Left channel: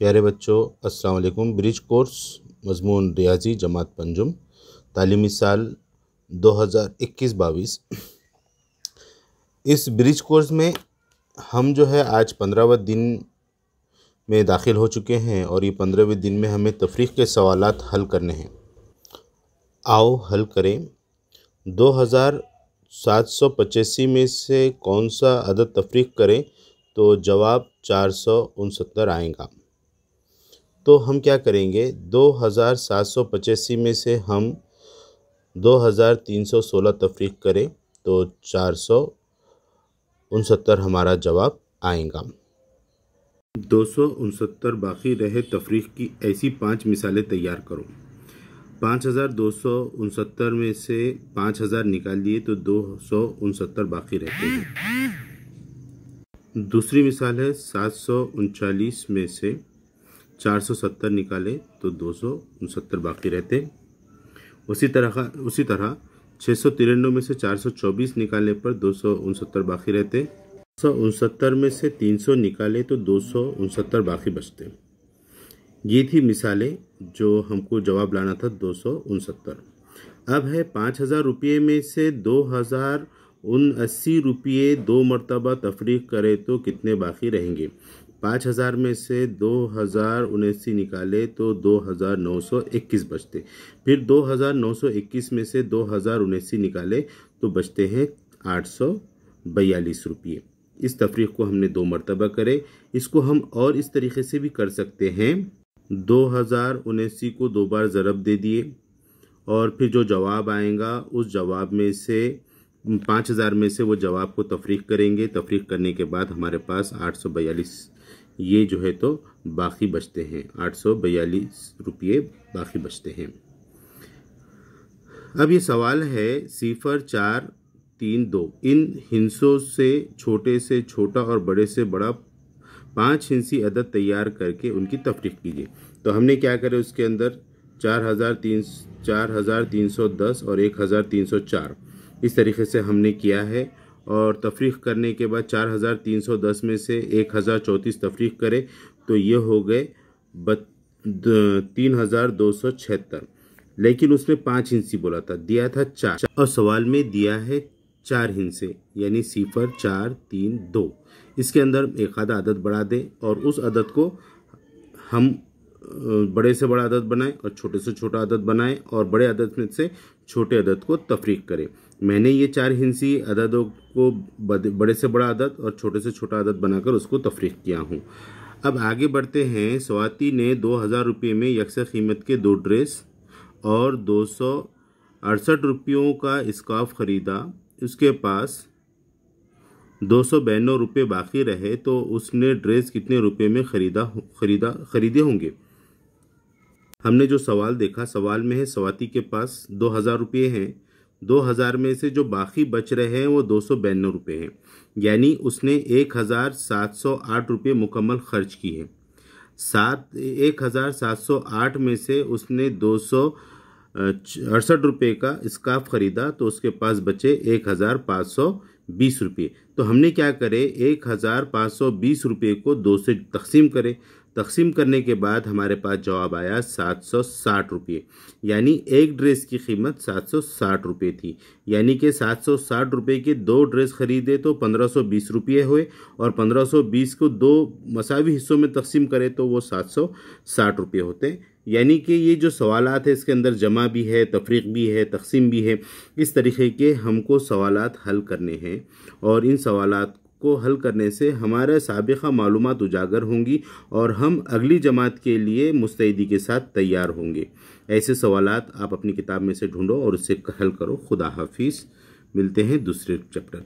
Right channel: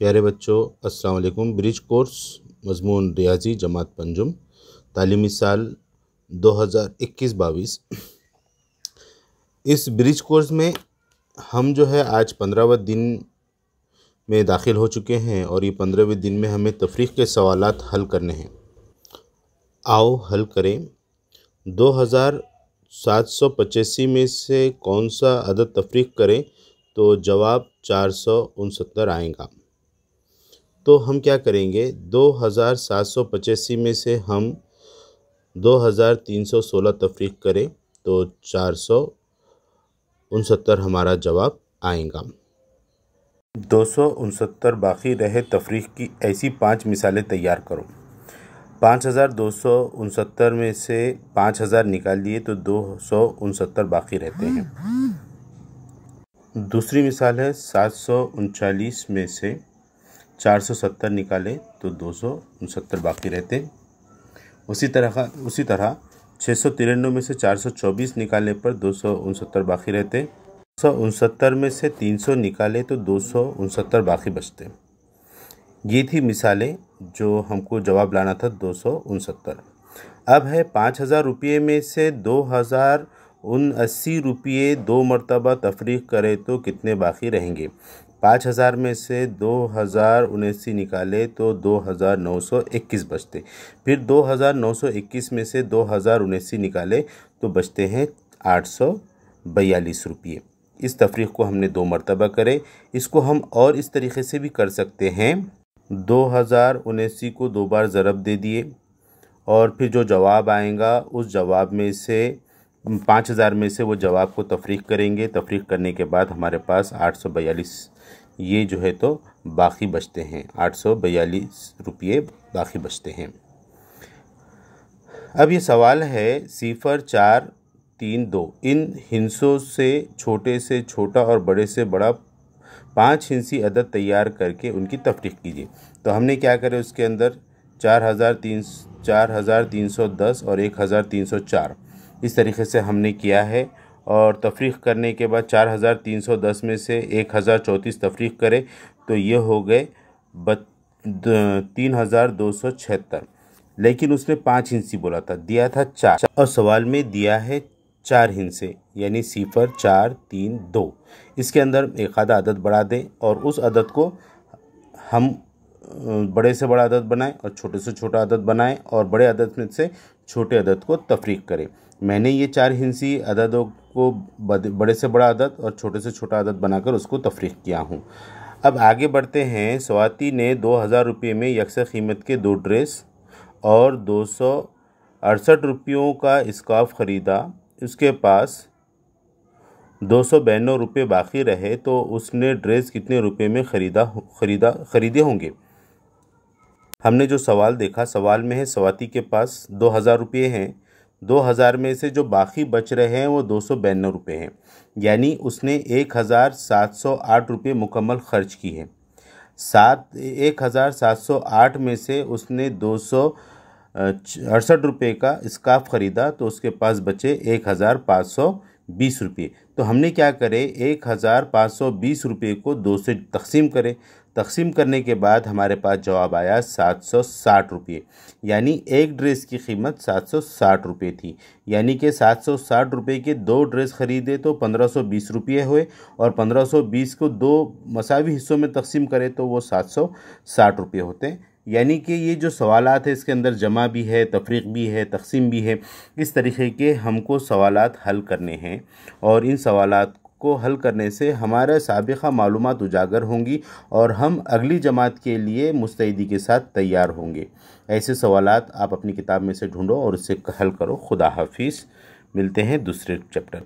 प्यारे बच्चों, अस्सलाम वालेकुम। ब्रिज कोर्स मज़मून रियाजी जमात पंजुम, तालीमी साल 2021-22। इस ब्रिज कोर्स में हम जो है आज 15वें दिन में दाखिल हो चुके हैं और ये 15वें दिन में हमें तफरीक़ के सवालात हल करने हैं। आओ हल करें। 2785 में से कौन सा अदद तफरीक़ करें तो जवाब 469 आएगा। तो हम क्या करेंगे, 2785 में से हम 2316 तफरीक़ करें तो 469 हमारा जवाब आएगा। 269 बाकी रहे तफरीक़ की ऐसी 5 मिसालें तैयार करो। 5269 में से 5000 निकाल दिए तो 269 बाकी रहते हैं। दूसरी मिसाल है 739 में से 470 निकाले तो 269 बाकी रहते। उसी तरह 693 में से 424 निकालने पर 269 बाकी रहते। 269 में से 300 निकाले तो 269 बाकी बचते। ये थी मिसालें जो हमको जवाब लाना था 269। अब है 5000 रुपये में से 2079 रुपये 2 मरतबा तफरीक़ करें तो कितने बाकी रहेंगे। 5000 में से 2079 निकाले तो 2921 बचते। फिर 2921 में से 2079 निकाले तो बचते हैं 842 रुपये। इस तफरीक़ को हमने 2 मरतबा करे। इसको हम और इस तरीक़े से भी कर सकते हैं। 2079 को 2 बार ज़रब दे दिए और फिर जो जवाब आएगा उस जवाब में से 5000 में से वो जवाब को तफरीक़ करेंगे। तफरीक़ करने के बाद हमारे पास 842 ये जो है तो बाकी बचते हैं। 842 रुपये बाकी बचते हैं। अब ये सवाल है 0, 4, 3, 2 इन हिस्सों से छोटा और बड़े से बड़ा 5 हिस्सी अदद तैयार करके उनकी तफरीक़ कीजिए। तो हमने क्या करे, उसके अंदर 4310 और 1304 इस तरीक़े से हमने किया है। और तफरीक़ करने के बाद 4310 में से 1034 तफरीक़ करे तो ये हो गए 3276। लेकिन उसने 5 हिस्से बोला था, दिया था 4 और सवाल में दिया है 4 हिस्से यानी 0, 4, 3, 2। इसके अंदर एक आधा अदद बढ़ा दें और उस अदद को हम बड़े से बड़ा अदद बनाएं और छोटे से छोटा अदद बनाएं और बड़े अदद में से छोटे अदद को तफरीक़ करें। मैंने ये 4 हिस्सी अददों को बड़े से बड़ा अदद और छोटे से छोटा अदद बनाकर उसको तफरीक़ किया हूँ। अब आगे बढ़ते हैं। स्वाति ने 2000 रुपये में यकसा कीमत के 2 ड्रेस और 268 रुपयों का स्कार्फ ख़रीदा। उसके पास 292 रुपये बाकी रहे तो उसने ड्रेस कितने रुपये में खरीदे होंगे। हमने जो सवाल देखा, सवाल में है स्वाति के पास 2000 रुपये हैं। 2000 में से जो बाकी बच रहे हैं वो 292 रुपये हैं, यानी उसने 1708 रुपये मुकम्मल खर्च की है। 1708 में से उसने 268 रुपये का स्कार्फ ख़रीदा तो उसके पास बचे 1520 रुपये। तो हमने क्या करे, 1520 रुपये को 2 से तकसीम करें। तकसीम करने के बाद हमारे पास जवाब आया 760 रुपये, यानी एक ड्रेस की कीमत 760 रुपये थी। यानी कि 760 रुपये के 2 ड्रेस ख़रीदे तो 1520 रुपये हुए और 1520 को 2 मसावी हिस्सों में तकसीम करें तो वो 760 रुपये होते। यानी कि ये जो सवालात है इसके अंदर जमा भी है, तफरीक़ भी है, तकसीम भी है। इस तरीक़े के हमको सवालात हल करने हैं और इन सवालात को हल करने से हमारा साबिक़ा मालूमात उजागर होंगी और हम अगली जमात के लिए मुस्तैदी के साथ तैयार होंगे। ऐसे सवालात आप अपनी किताब में से ढूंढो और उससे हल करो। खुदा हाफिज़। मिलते हैं दूसरे चैप्टर।